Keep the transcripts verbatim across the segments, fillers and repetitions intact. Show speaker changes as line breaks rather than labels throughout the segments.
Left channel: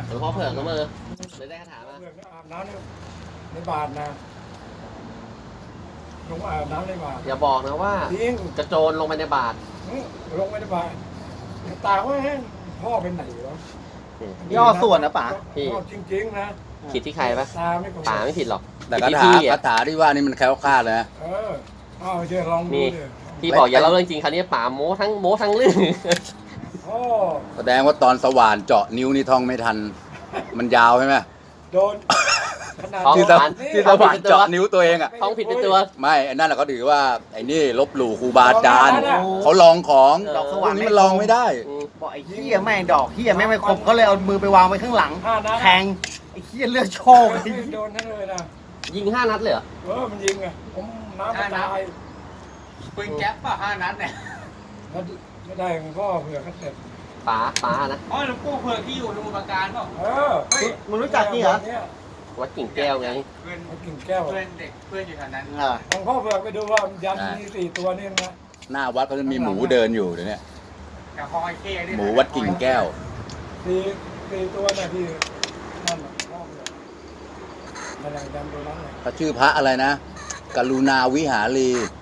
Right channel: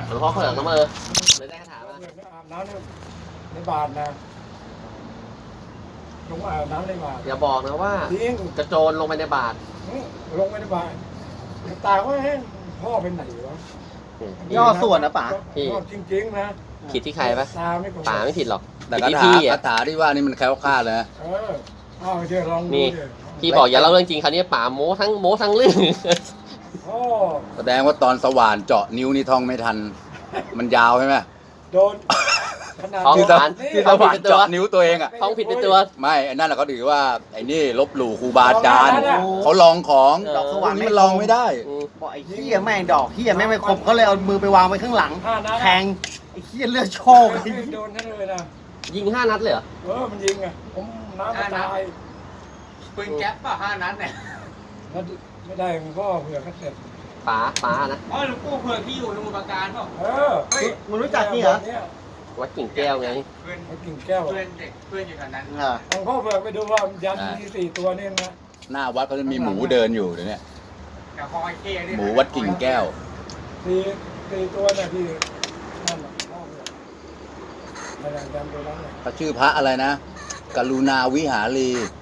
หลวงพ่อเผือกน้ำเออเลยได้คาถามา
อาบน้ำในบาทนะลงอาบน้ำในบาท
อย่าบอกนะว่า
จริง
จะโจรลงไปในบาท
ลงไปในบาทตาว่าพ่อเป็นไหนวะ
ย่อส่วนนะป๋า
จริงๆนะ
ผิดที่ใครปะ
ตาไม่ตรง
ป่าไม่ผิดหรอก
แต่
ผิด
คา
ที่
ถา
พี่
คา
อ่ะ
ถาที่ว่านี่มันแคล้วคลาดเลยนะ
เออเอาเดี๋ยวลองดูดิ
พี่บอกอย่าเล่าเรื่องจริงคราวนี้ป่าโม้ทั้งโม้ทั้งเรื่อง
โอ้
แสดงว่าตอนสว่านเจาะนิ้วนี่ท่องไม่ทัน มันยาวใช่ไหม
โดนขนาด
ท้อง
ที่
ส
ส
วรรค์
ที่ส
ท้องผิด
ว่าน
เป็นตัว
เจาะนิ้วตัวเองอ่ะ
ท้องผิดเป็นตัว
ไม่ไอ้นั่นนะเขาถือว่าไอ้นี่ลบหลู่ครูบาอาจารย์เขาลองของ
เออ
ดอกส
พว
ว่าก น
นี้
ไม่
มันลองไม่ได้
อืม
บอกไอ้เหี้ยแม่งดอกเหี้ยแม่งไม่ครบเขาเลยเอามือไปวางไว้ข้างหลัง
ห้านัด
แทงไอ้เหี้ยเลือดโชกไอ้เหี้ย
โดนนั่นเลยนะ
ยิงห้านัดเลยเหรอ
เออมันยิงอ่ะผมน้ำมันตาย
ปืนแก๊ปป่ะห้านัดเนี่ย
แล้วไม่ได้มันก็เผื่อก็เสร็จ
ป๋าป๋านะ
อ๋อหลวงปู่เผื่อที่อยู่สมุทรปราการเปล่า
เออ
มึงรู้จักนี่เหรอ
เนี่ย
วัดกิ่งแก้วไง
เพื่อน
มันกินแก้ว
เพื่อนเด็กเพื่อนอยู่กันนั้น
เออ
หลวงพ่อเผื่อไปดูว่ายันมีสี่ตัวนี่นะ
หน้าวัดเขาจะมีหมูเดินอยู่เดี๋ยวนี้
แถวคลองไอเก้นี่
หมูวัดกิ่งแก้ว
สี่สี่ตัวน่ะที่นั่นน่ะพ่อเผื่อนั่นแหละยันตัวนั้นเลย
เขาชื่อพระอะไรนะ กรุณาวิหารี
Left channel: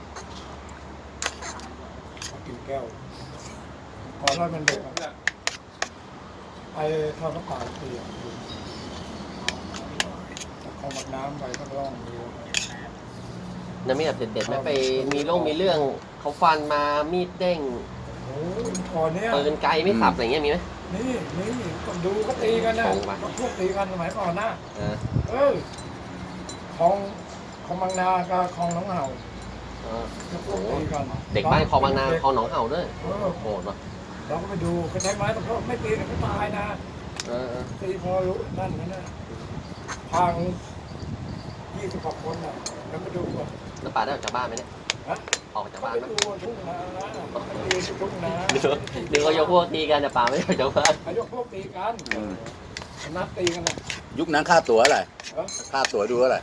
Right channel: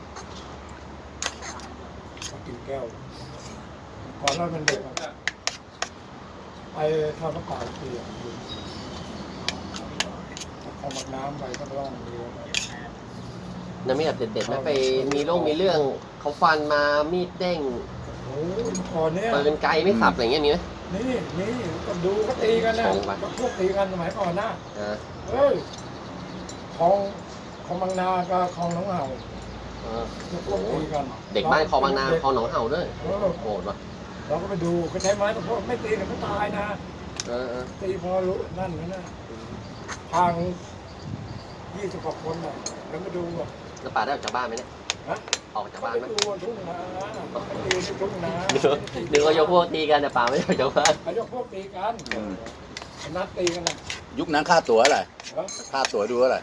กินแก้วก่อนเรามันเด็กอะไปทอดน้ำเปล่าเตียงเอาหมักน้ำไปก็ร่องเรือไป
น้ำมีแบบเด็ดๆไหมไปมีเรื่องมีเรื่องเขาฟันมามีดเด้ง
โอ้ยก่อนเนี้ย
ปืนไกลไม่สับอะไรเงี้ยมีไหม
นี่นี่ก็ดูเขาตีกันนะ
ส่งไป
ก็พวกตีกันสมัยก่อนนะ
เออ
เออของของบางนากับของหนองเห่า
เออ
ก็พวกตีกัน
เด็กบ้านคลองบางนาคลองหนองเห่าด้วย
เออ
โหดว่ะ
เราก็ไปดูเขาใช้ไม้ตะโพกไม่ตีเนี่ยเขาตายนะ
เออเออ
ตีพอรู้นั่นนะนะทางยี่สิบกว่าคนน่ะแล้วไปดูอ่ะ
แล้วป่าได้ออกจากบ้านไหมเนี่ย
ฮะ
ออกจาก
เขา
บ้าน
ไป
ไหม
ดูทุ่งนาเขาไปตีที่ทุ่งนา
หรือว่ายกพวกตีกันแต่ป่าไม่ได้ออกจากบ้าน
เขายกพวกตีกันนัดตีกันนะ
ยุคนั้นค่าตั๋วอะไร
ฮะ
ค่าตั๋วดูเท่าไหร่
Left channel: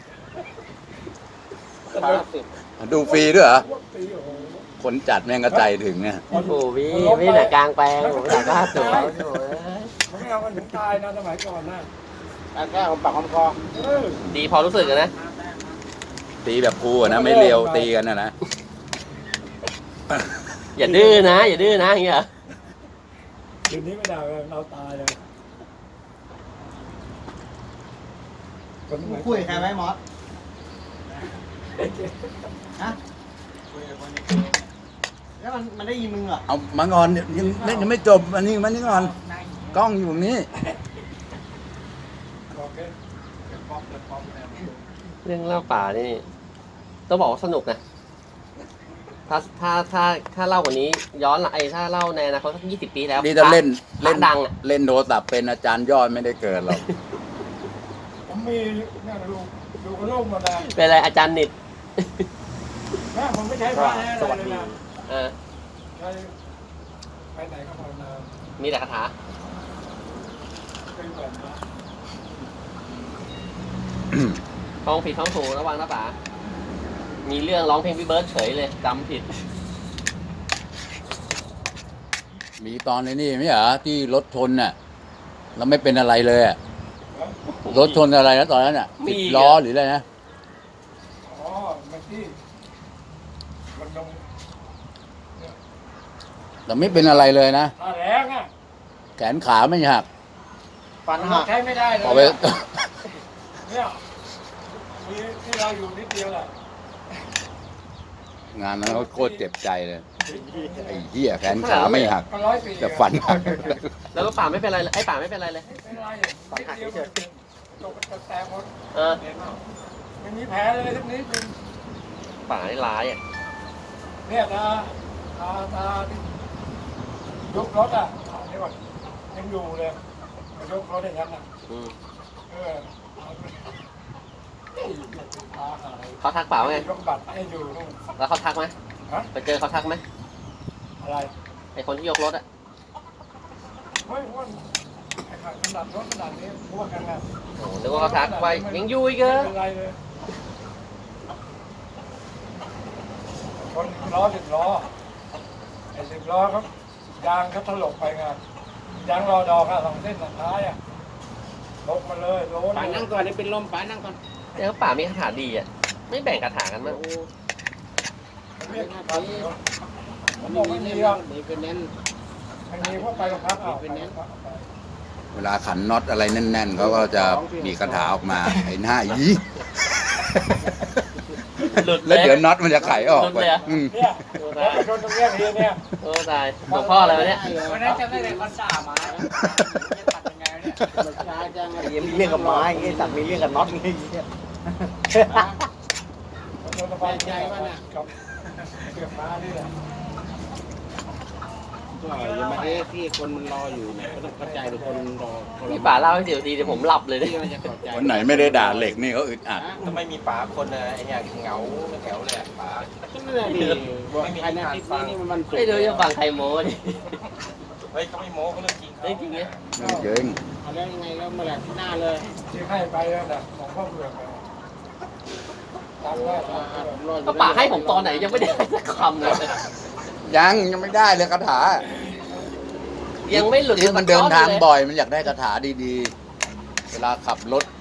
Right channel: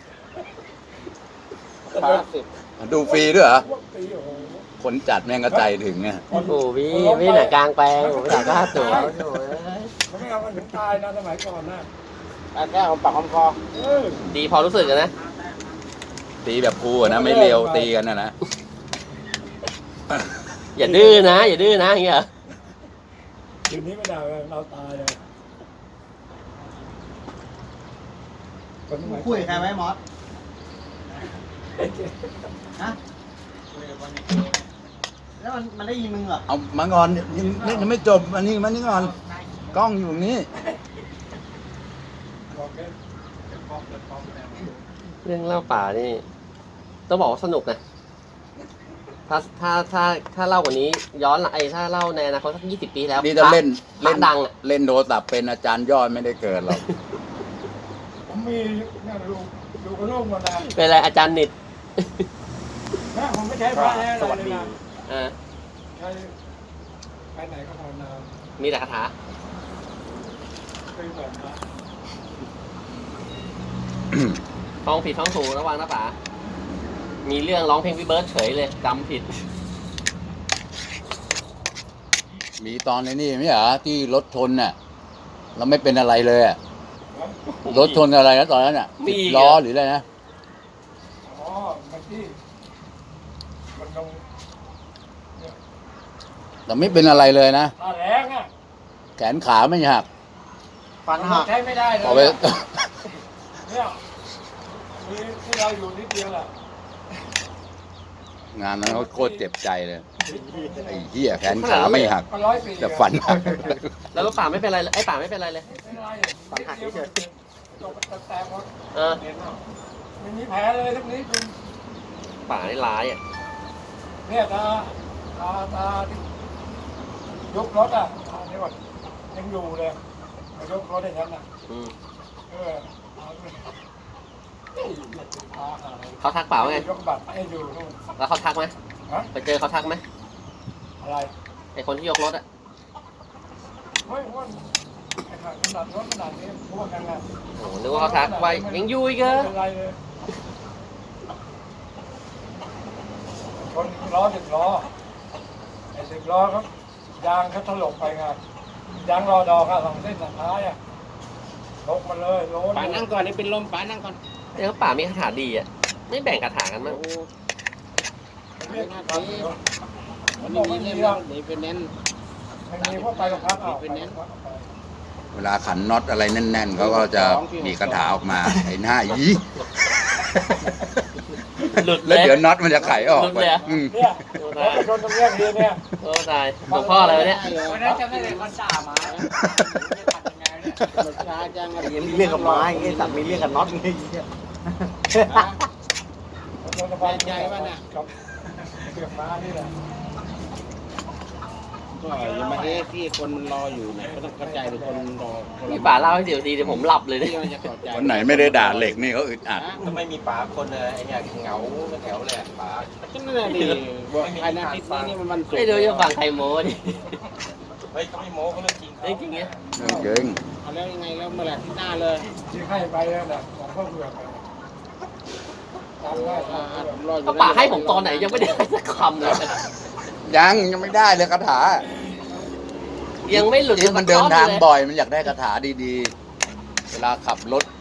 แปดสิบ
ดูฟรีด้วยเหรอ
พวกตีโอ้โห
คนจัดแม่งกระใจถึงเนี่ย
โอ้โหพี่พี่หนักกลางแปลงผมหนักค่าตัวโอ้โห
เขาไม่เอากันถึงตายนะสมัยก่อนนะ
แก้วปากคำคอ
เออ
ดีพอรู้สึกกันนะ
ตีแบบครูอะนะไม่เร็วตีกันนะนะ
อย่าดื้อนะ อย่าดื้อนะอย่างเงี้ย
ทีนี้ไม่ได้เลยเราตายเลยคนสมัย
คุยกับใครไหมมอสฮะแล้วมันมันได้ยินมึงเหรอ
เอามาก่อนยังไม่ยังไม่จบอันนี้มานี่ก่อนกล้องอยู่ตรงนี้
เรื่องเล่าป่านี่ต้องบอกว่าสนุกนะถ้าถ้าถ้าถ้าเล่ากว่านี้ ย้อนหลังไอ้ถ้าเล่าในอนาคตสักยี่สิบปีแล้ว
นี่ถ้าเล่น
พระ
เล่น
ดังอะ
เล่นโทรศัพท์เป็นอาจารย์ยอดไม่ได้เกิดหรอก
ผมมีเนี่ยดูดูกระโหลกหมดนะ
เป็นอะไรอาจารย์นิด
เนี่ยผมไม่ใช้ผ้าให้อะไรเลยนะ
เออ
ใช้ไปไหนก็ภาวนา
มีแต่คาถา
เป็นแบบนั้น
ท้องผิดท้องถูกระวังนะป๋ามีเรื่องร้องเพลงพี่เบิร์ดเฉยเลยจำผิด
มีตอนนี้นี่ไม่เหรอที่รถชนน่ะเราไม่เป็นอะไรเลยอะรถชนอะไรนะตอนนั้นอ่ะ
มี
สิบ
อีก
ล้อ
อะ
หรืออะไรนะ
อ๋อมันที่มันลง
แต่ไม่เป็นอะไรเลยนะ
ตาแรงอ่ะ
แขนขาไม่หัก
ฟัน
มัน
หัก
ใช้ไม่ได้เลย
พอไป
เนี่ยมีที่เราอยู่นิดเดียวแหละ
งานนั้นเขาโคตรเจ็บใจเลยไอ้เหี้ยแขนขาไม่หัก
ร้อยปี
แต่ฟันหัก
แล้วป่าไม่เป็นไรเลยไอ้ป่าไม่เป็นไรเลย
ไม่เป็นไรนิดเดียวตกแตกหมด
เออ
ไม่มีแผลเลยทุกนี้คุณ
ป่าได้ร้ายอ่ะ
เนี่ยตาตาตาที่ยกรถอ่ะอ่านี่ก่อนยังอยู่เลยยกรถอย่างนั้นอ่ะ
อืม
เออเอาไปเฮ้ยพาหาย
เขาทักเปล่าไง
ยกบัตรให้ดูนู่น
แล้วเขาทักไหม
ฮะ
ไปเจอเขาทักไหม
อะไร
ไอ้คนที่ยกรถอ่ะ
เฮ้ยว่าไอ้ขนาดรถขนาดนี้พวกกันนะ
โอ้นึกว่าเขาทักไปยังอยู่อีกเหรอ
ไม่เป็นไรเลยคนล้อสิบล้อไอ้สิบล้อครับยางเขาถลกไปไงยางรอดอค่ะสองเส้นสุดท้ายอ่ะลงมาเลยโล้น
ป่านั่งก่อนนี่เป็นลมป่านั่งก่อน
เดี๋ยวป่ามีคาถาดีอ่ะไม่แบ่งคาถากันมั้ง
เนี่ยก่อนผมบอกไม่มีอ่ะ
เดี๋ยวเป็นแน่น
มันมีพวกไปกับพักเอาไปกับพัก
เวลาขันน็อตอะไรแน่นๆเขาก็จะมีคาถาออกมาไอ้หน้ายี
หลุด
แล้วเดี๋ยวน็อตมันจะไขออกไปอืม
เนี่ยแล้วไปชนตรงเนี้ยทีเนี่ย
โอ้ตายหลวงพ่ออะไรวะเนี่ย
วันนั้นจำได้เลยคนด่ามาจะตัดยังไงเนี่ย
ช้าจังเลยมีเรื่องกับไม้ไอ้สัตว์มีเรื่องกับน็อตนี่
ชนตะพานไงวะเนี่ยกับเก็บมานี่แหละ
ก็ยังมาเอ๊ะที่คนมันรออยู่เนี่ยก็ต้องเข้าใจเป็นคนรอ
พี่ป่าเล่าให้เดี๋ยวดีเดี๋ยวผมหลับเลยดิ
ที่มันจะเข้าใจ
วันไหนไม่ได้ด่าเหล็กนี่เขาอึดอัด
ถ้าไม่มีป๋าคนเลยไอ้เนี่ยเหงาแถวเลยป๋า
ก็ไม่ได้ดีบอกใครนะคลิปนี้นี่มันมันสุด
ไม่รู้จะฟังใครโม้ดิ
เฮ้ยเขาไม่โม้เขาเรื่องจริง
เรื่องจริงเนี่ย
เรื่องจริง
เอาแล้วยังไงแล้วเมื่อไหร่ที่หน้าเลย
ที่ให้ไปแล้วน่ะของพ่อเบือกไปจำได้จำได้
ผมรออยู่
ก็ป่าให้ผมตอนไหนยังไม่ได้ให้สักคำเลย
ยังยังไม่ได้เลยคาถา
ยังไม่หลุด
ที่มันเดินทางบ่อยมันอยากได้คาถาดีๆ เวลาขับรถ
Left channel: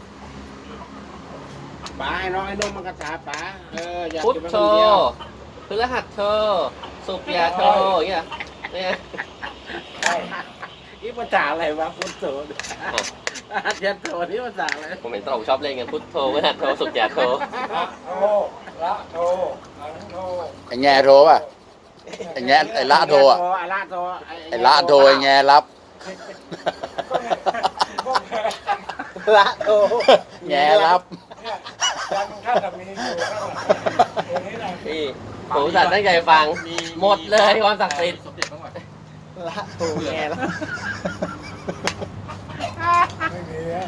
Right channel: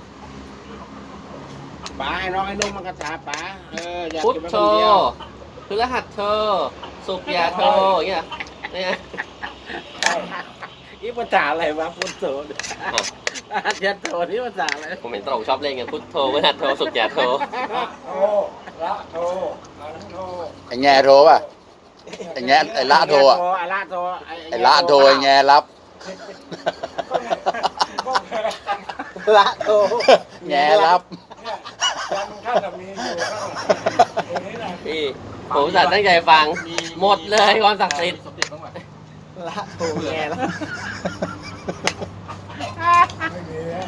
ป๋าไอ้น้องไอ้นุ่มมันกระถาป๋าเอออยาก
พุท
จะไป
โธ
คนเดียว
คือรหัสโธสุขยาโธอย่างเงี้ยเนี่ย
นี่ภาษาอะไรวะพุทโธอาจารย์โธนี่ภาษาอะไร
ผมเห็นตรงชอบเล่นกันพุทโธรหัสโธสุขยาโธ
ละโทละโทหังโท
ไอ้แง่โทรป่ะ ไอ้แง่ไอ้ละโทรอ่ะ
ไอ้ละโธ
ไอ้ละโทรไอ้แง่รับ
ก็ไงก็แค่
ละโธ
แง่รับ
เนี่ยยันท่านน่ะมีอยู่ข้างหลังตัวนี้นะ
พี่ผมอุตส่าห์ตั้งใจฟังหมดเลยความศักดิ์สิทธิ์
ละโธแง่ละ
ไม่มีอะ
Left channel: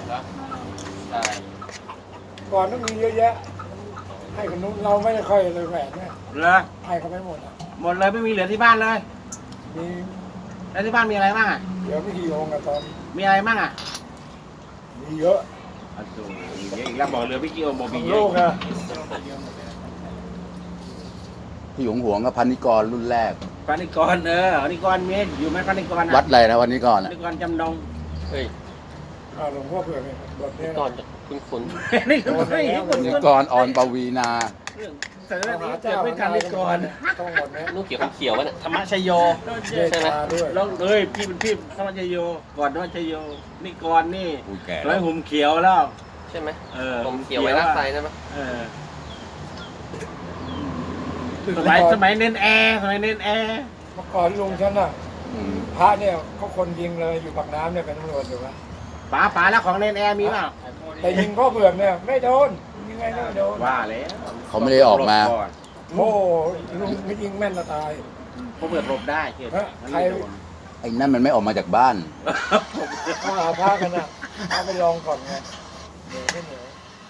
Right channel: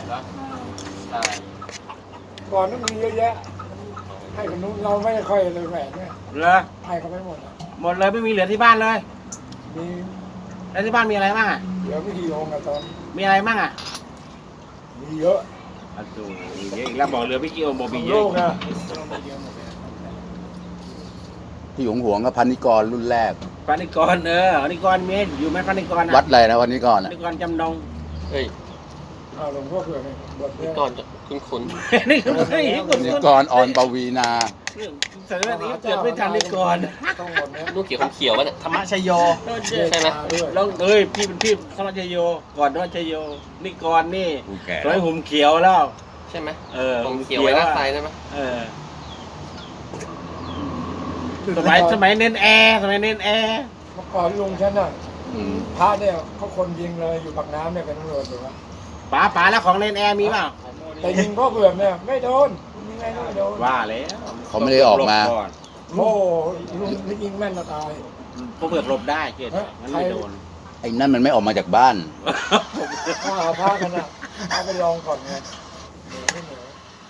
ก่อนนั้นมีเยอะแยะ ให้คนนู้นเราไม่ค่อยเลยแหวนเนี่ย
เหรอ
ให้เขาไม่หมดอ่ะ
หมดเลยไม่มีเหลือที่บ้านเลย
มี
แล้วที่บ้านมีอะไรบ้างอ่ะ
เหลือไม่กี่องค์อะตอน
มีอะไรบ้างอ่ะ
มีเยอะ
โอ้โหเยอะอีกแล้วบอกเหลือไม่กี่องค์บอก
ข
มี
อง
เย
โล
อะ
กนะ
ที่หวงหวงกับพันนิกรรุ่นแรก
ปานิกรเออปานิกรมีอยู่ไหมปานิกร
วัดอะไรนะพันนิกร
ปา
อ่ะ
นิกรจำนง
เฮ้ย
อ้าวหลวงพ่อเผื่อไงบทเนี่ย
ก่อนจะคุ้นคุ้น
นี่คือคนนี้คน
พันนิ
นี้
กรออนปวีนา
สมัยนี้เกิดไม่ทันนิกร
ต้องหมดเนี้ย
ลูกเขียวคนเขียววะเนี่ย
ธรรมชโย
เมตตาด้วย
ลองเอ้ยพี่เป็นพี่ธรรมชโยก่อนธรรมชโยนิกรนี่
กูแก่
ร้
แล้
อยว หุ่มเขียวแล้ว
ใช่ไหม
เออ
ผมเขียวไว้หน้าไซได้ไหม
เออสมัยสมัยเน้นแอร์สมัยเน้นแอร์
เมื่อก่อนลุงฉันน่ะ
อืม
พระเนี่ยเขาคนยิงเลยอยู่ปากน้ำเนี่ยเป็นตำรวจอยู่วะ
ป๋าป๋าแล้วของเน้นแอร์มีเปล่า
แต่ยิงพ่อเผือกเนี่ยไม่โดนยิงไงก็ไม่โดน
ว่าแล้ว
เขาไม่ได้ออกมา
หลบก่อน
โอ้ลุงไม่ยิงแม่นจะตาย
พวกเปิดหลบได้เกิดมันไม่โดน
ไอ้นั่นมันไม่ออกมาจากบ้าน
ถ้าหาพระกันน่ะเอาไปลองก่อนไงเดี๋ยวไม่เหนือ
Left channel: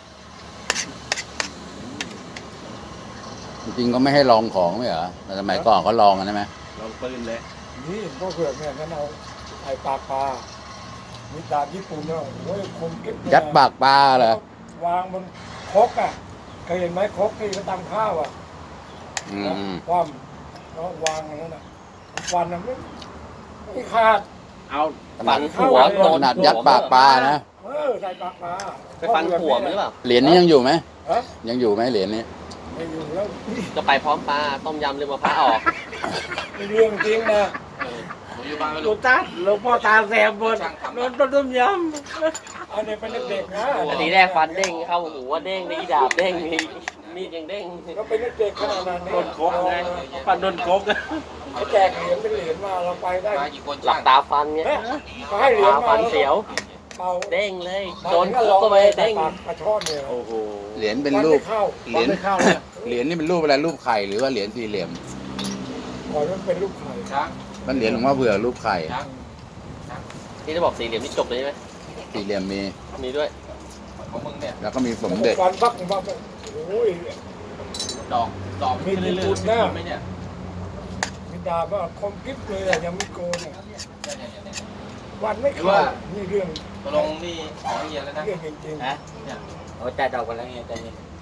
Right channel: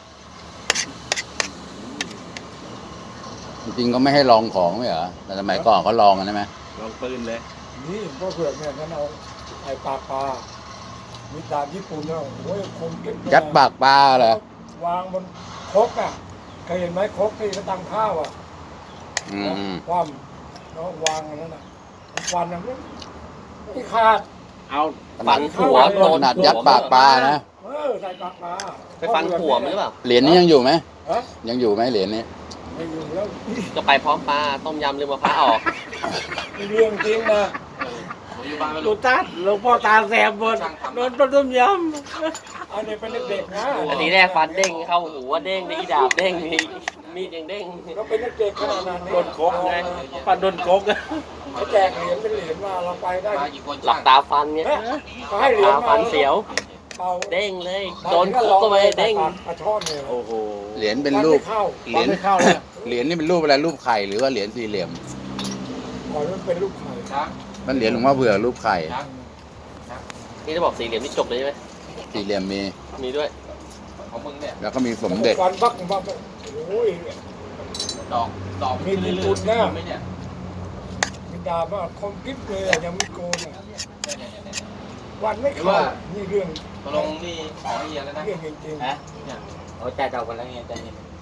จริงๆก็ไม่ให้ลองของไม่เหรอแต่สมัยก่อนเขาลองกันใช่ไหม
ลงปืนเลย
นี่พ่อเผือกเนี่ยฉันเอาไอ้ปลาปลามีดาบญี่ปุ่นเนี่ยโอ้ยคมเก็บ
ยัดปากปลาเหรอ
วางบนครกอ่ะเคยเห็นไหมครกที่เขาตำข้าวอ่ะ
อืม
ความแล้ววางอย่างนั้นอ่ะฟันมันไม่ไม่ขาด
เอา
ขนาด
หัวโด
ขนาดยัดปากปลานะ
เออใส่ปากปลา
ไปฟันหัวมันหรือเปล่า
เหรียญนี้ยังอยู่ไหม
ฮะ
ยังอยู่ไหมเหรียญนี้
ไม่อยู่แล้ว
จะไปพร้อมปลาต้มยำลืมมะพร้าวออก
ไม่เรื่องจริงนะ
ดูตาหลวงพ่อตาแสบหมดโดนต้มย
อันนี้เป็นเด็กๆนะ
อันนี้แรกฟันเด้งเข้าหูว่าเด้งนี่ดาบเด้งนี่มีดยังเด้ง
ก็เป็นเด็กๆขนาดนั้น
ำโดนโคกเลยปันโดนโคก
เขาแจกเหรียญเป็นเหรียญมาเราไปได้
หลับตาฟันเนี่ย
ฮะเขาให้เหรียญ
ตา
มา
ฟันเสียว
เป่า
เด้งเลย
โด
โด
น
น
ก็
คุ
ล
ก
อง
ตัว
ไป
เอง
เด้
เด้
ง
ง
กระชอนเนี่ย
โอ้โห
เหรียญเป็นรูป
เข้า
เหรียญ
ไม่เข้าเลย
เหรียญนี่เป็นรูปอะไรรูปไข่หรือว่าเหรียญสี่เหลี่ยม
ก่อนมันเป็นลูกไข่
มันเหรียญหลวงพ่อเผื่อรูปไข่
นี่จะบอกสี่เหลี่ยมนี่จบเลยใช่ไหม
สี่เหลี่ยมมี
มีด้วย
แล้วก็มีสมเด็จ
ฟันบักบักโอ้ย
ดอกดอก
มีญี่ปุ่นนะมีดาบว่าคมกิ๊บเลยอะยังไม่โกนอะวันไม่เข้านี่เรื่อง
ตกลงที่ขอให้เย็นแล้วนะ
เรื่องจริง
ฮะโอ้ใจดอกกันแล้วไงใจ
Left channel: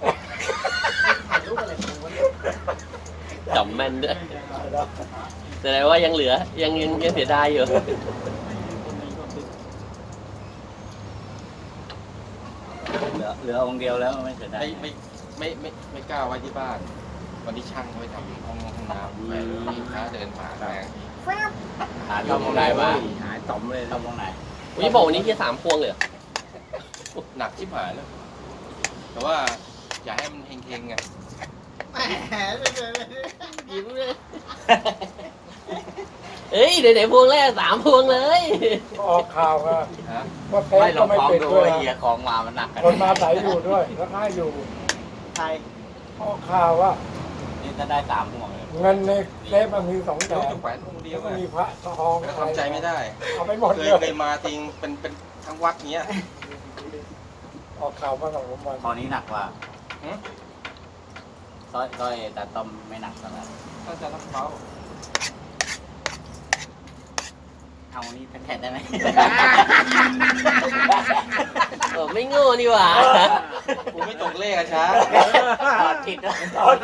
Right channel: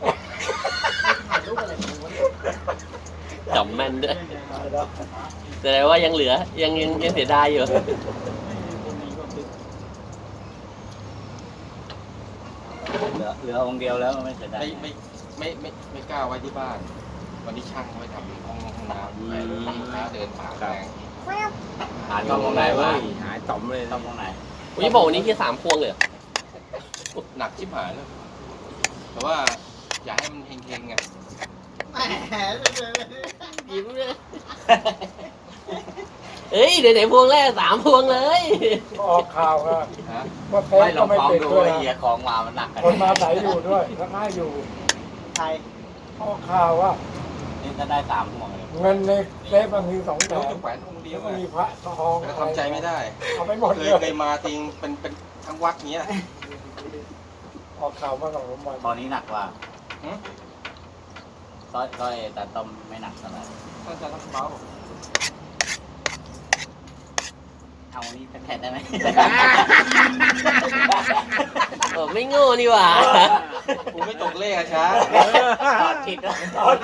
จำแม่นด้วยแสดงว่ายังเหลือยังยังยังเสียดายอยู่
เหลือเหลือองค์เดียวแล้วก็ไม่เสียดาย
ไม่ไม่ไม่ไม่ไม่กล้าไว้ที่บ้าน วันที่ช่างไว้ทำห้องห้องน้ำไปลูกค้าเดินผ่านแรง
หาตรงไหนวะหาต่อมเลยตรงไหน
วันนี้บอกวันนี้พี่สามพวงเลยเหรอ
หนักชิบหายเลยแต่ว่าอยากให้มันเฮงๆไง
ยิ้มเลยเอ้ยเดี๋ยวไหนพวงแรกสามพวงเลย
ก็ออกข่าวว่า
ฮะ
ว่าเป๊ะ
ไม่ล
ก็
อง
ไม่
ฟ้อง
เป็น
ดู
ด้วย
ไอ้เหี้ยของเรามันหนักกัน
คนมาใส่อยู่ด้วยแล้วก็อยู่
ใคร
ออกข่าวว่า
นี่ถ้าได้สามห่วงเลย
เงินในเซฟมันมีสองแส
เดี๋ยวน
แ
แขวนองค์เดีย
ล้ว วก็
อะ
มีพระทอง
แล้ว
อะไร
ทำใจไม่ได้
เอาไปหมด
เค
เลย ย
เคยมาทิ้งเป็นเป็นทั้งวัดเนี้ย
ออกข่าวมาสองสามวัน
ตอนนี้หนักกว่า
หืม
ต้อยต้อยแต่ต้มไม่หนักขนาด
ก็จะต้องเมา
เอานี้แค่ได้ไหม
เออไม่โง่นี่หว่า
กูไม่ตกเลขอะช้า
ตอดผิด